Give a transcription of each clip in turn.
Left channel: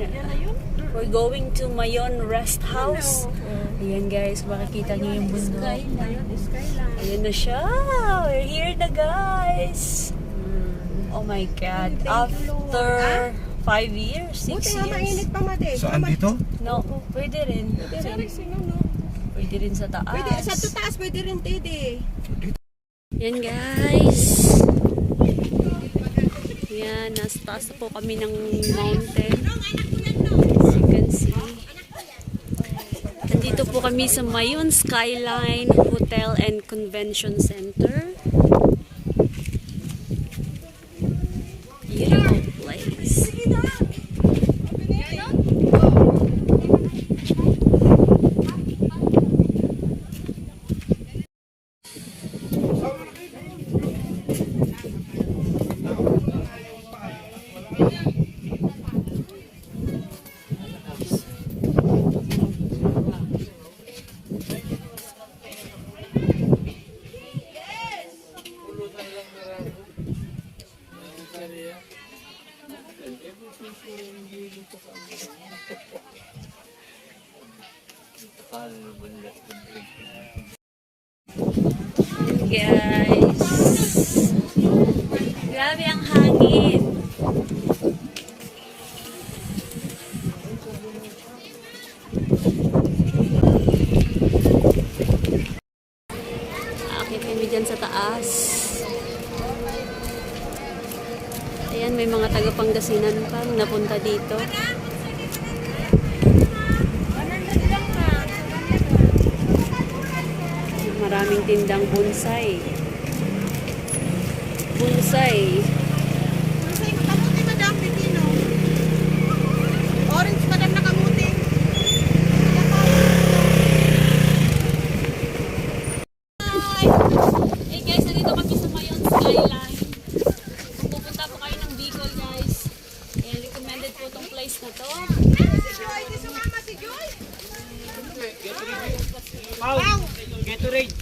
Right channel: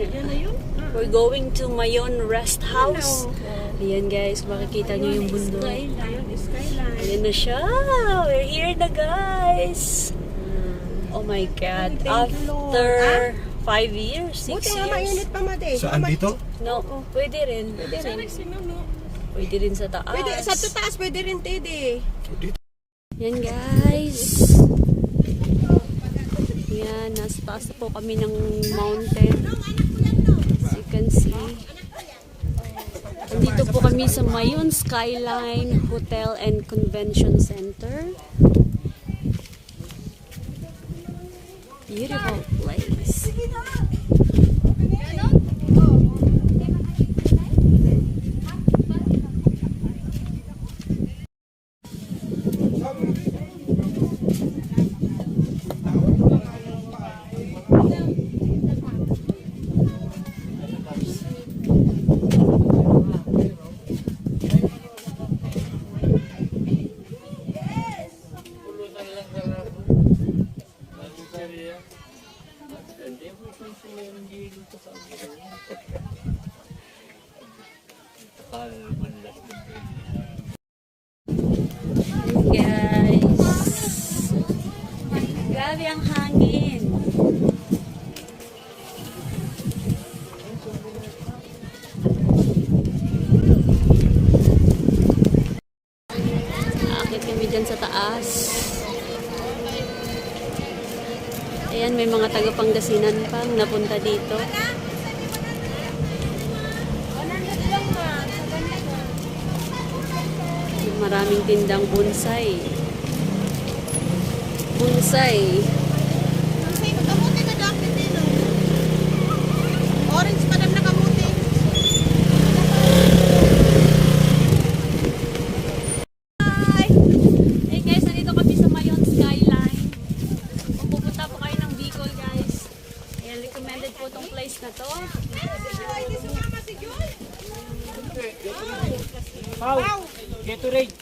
We're going to Mayon Rest House. Ayan guys, makikita nyo yung bundok. Ayan na siya. We're here na guys. Oh my God. After 5 years, 6 Buti years. nga mainit pa mate. Saan dito? No, pwede rin. Pwede rin sa taas. Pwede, sa taas pwede rin tede. Yan guys. Yan, nasa taas na po kami ng mountain. As you can see. Nandito po kami sa Mayon Skyline Hotel and Convention Center. Beautiful place. Guys, grabe ang hangin. Aakit kami dyan sa taas. Ayan, may mga taga-Pangasinan pang napunta dito. Maraming tindang bonsai. Bonsai. Bonsai mo kamuti na dam Pilipino. Orange pa na kamuti. Hi! Hey guys, nandito kami sa Mayon Skyline. Kung pupunta po kayo ng Bicol guys, ayan, recommended po itong place na to. Gatorade.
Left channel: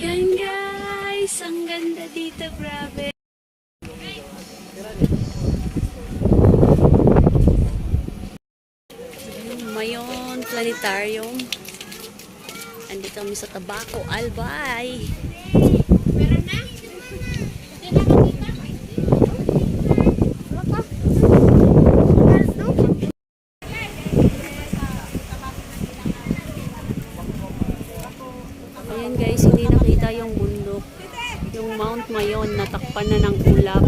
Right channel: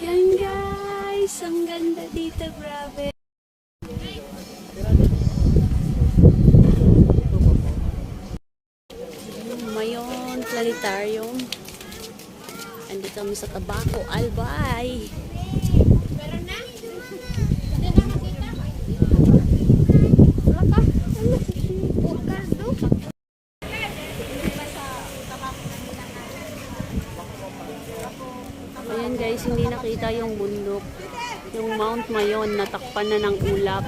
Yan guys, ang ganda dito, grabe. Mayon Planetarium. Andito kami sa Tabaco, Albay. Ayan guys, hindi nakita yung bundok. Yung Mount Mayon, natakpan na ng ulap.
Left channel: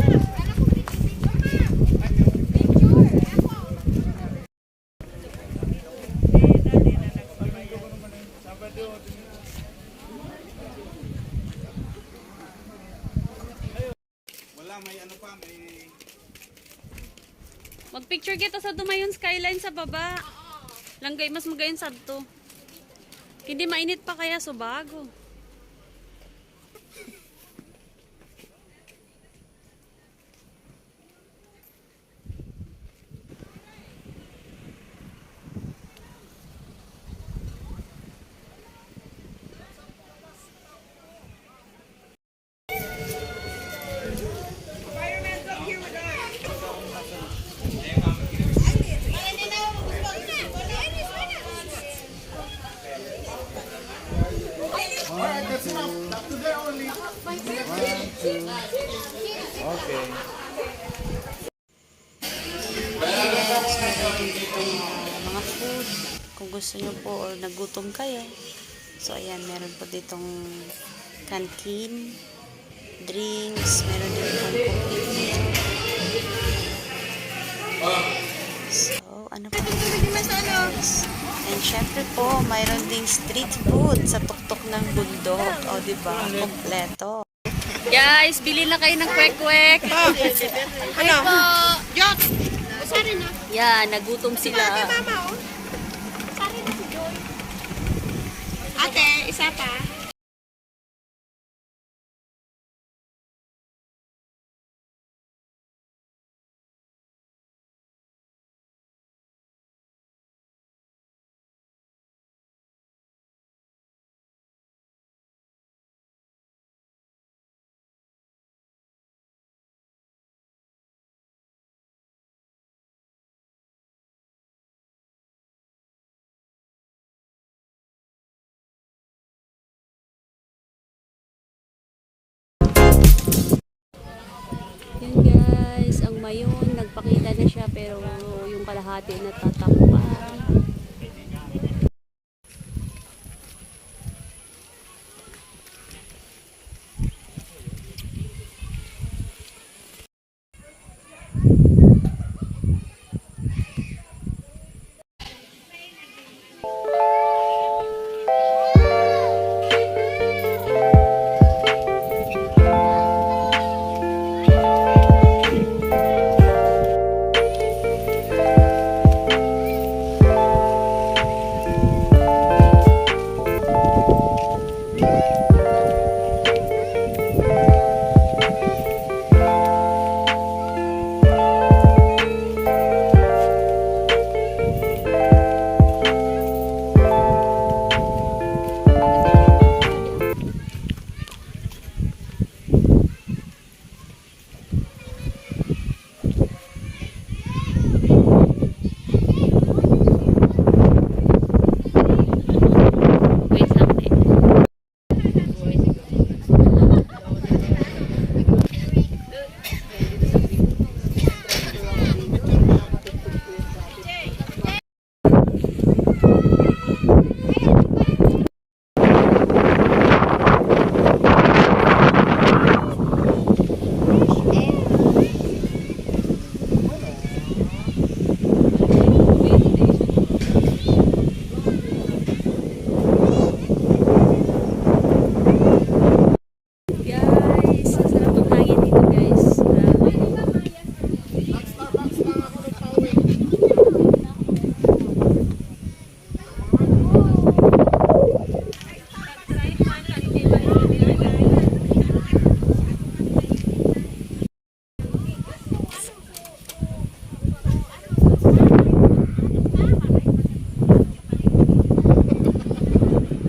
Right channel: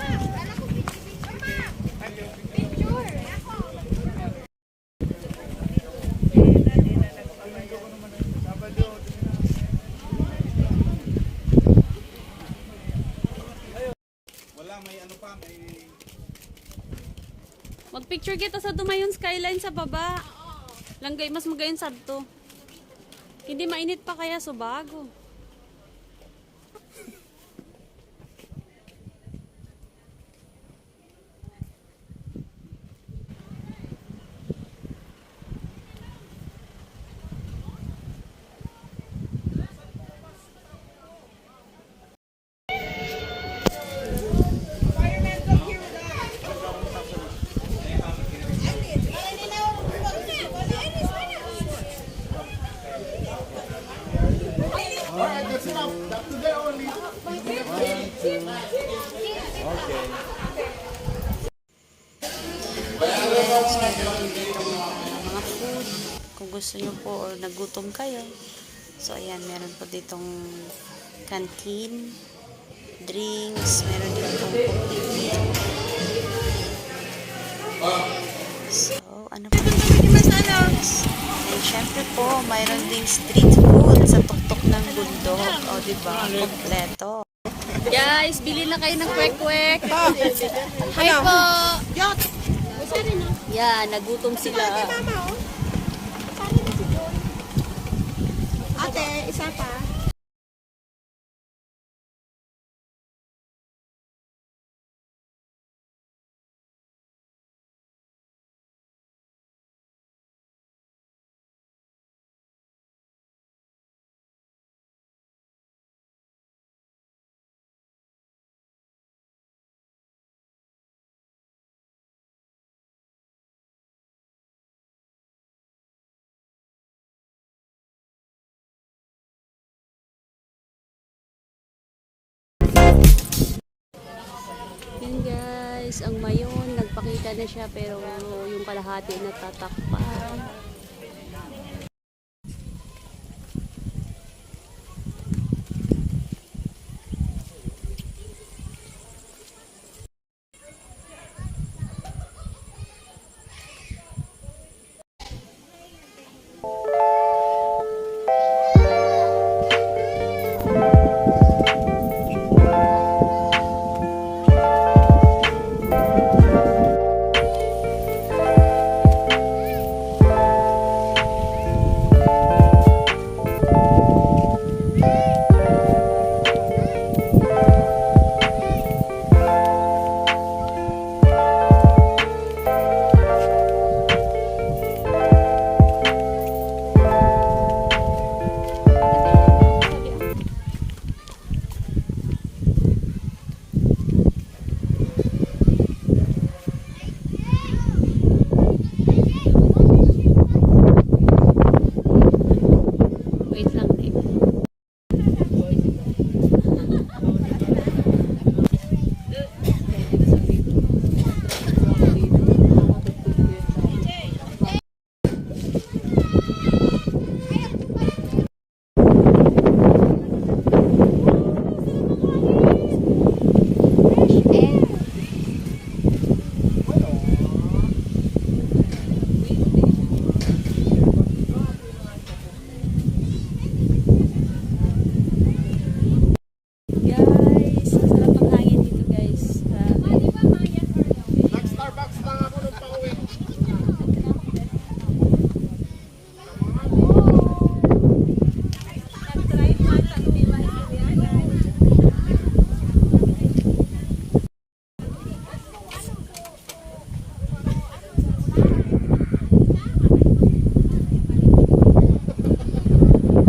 Mag-picture kita sa Mayon Skyline sa baba. Langgay, mas magayon sa to. Hindi mainit pa kaya subago. Yes, meron din dito mga food. Kung gusto nyo po or nagutom kayo. So, ayan, meron po ditong canteen, drinks, meron din pong complete meal. So, ano pa guys? And syempre po, mayroon ding street food sa tuktok ng bundok. O, diba? Kompleto. Guys, bili na kayo ng kwek-kwek. Hi po. Jot. Usari na. Yan, nagutom sila. Mama, oh. Usari na si Joy. Ate, isa pa. guys, ang Mayon. Nagpakita na siya pero yung kalahati natatakpan. Wait lang din. Guys, ang sarap ng hangin dito guys. Grabe. Starbucks lang ako nung pauwi.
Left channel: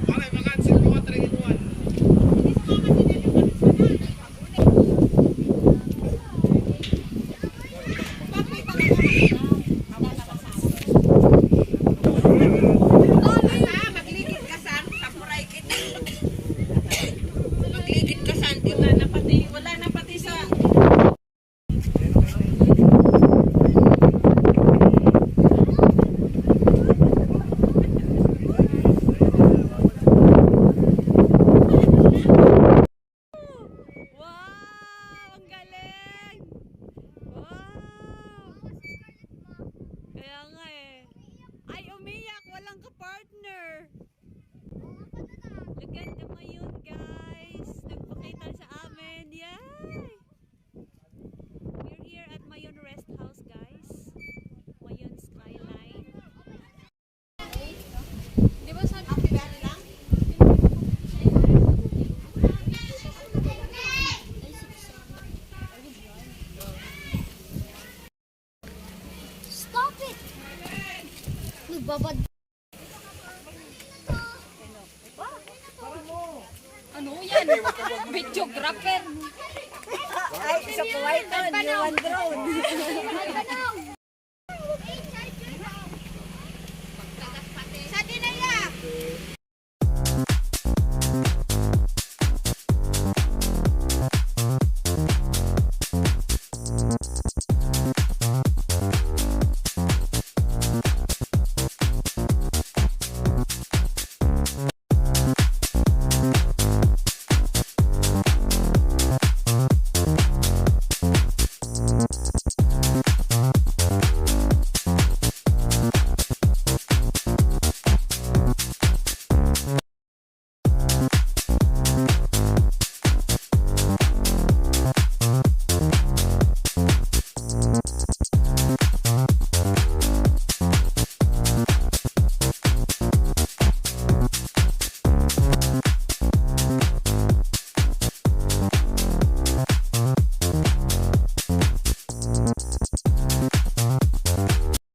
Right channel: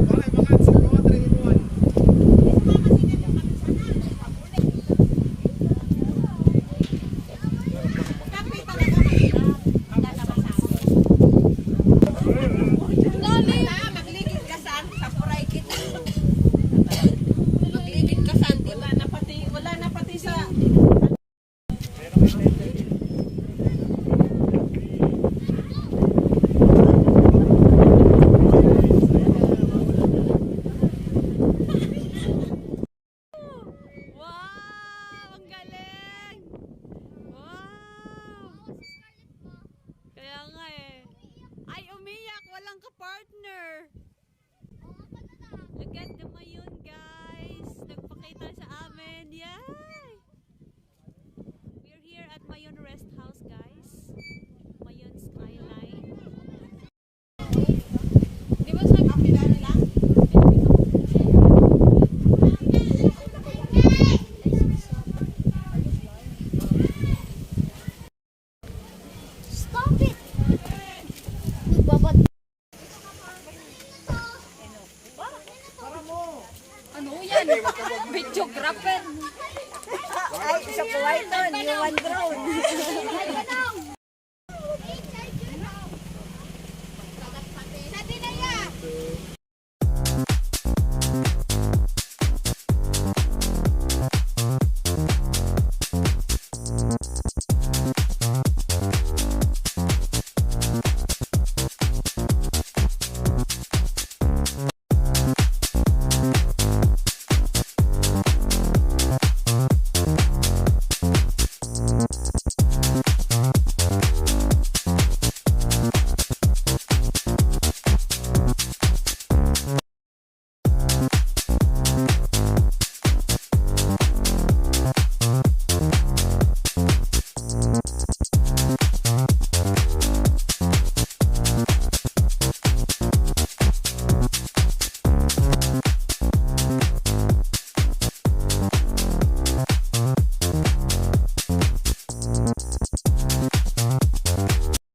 Wala, mga 5 3 in 1. Magligid ka saan? Sa puray kita. Magligid ka saan? Wala na pati sa... Wow! Ang galing! Wow! Kaya nga eh. Ay, umiyak! Walang ka-partner! Look at the Mayon, guys! Nagpakita sa amin! Yay! We're here at Mayon Rest House, guys. Mayon Skyline. Di ba sabi ko lang? Stop it! Magbabad. Ano yan? Videographer. Ay, sa Kuwaitan, yung drone.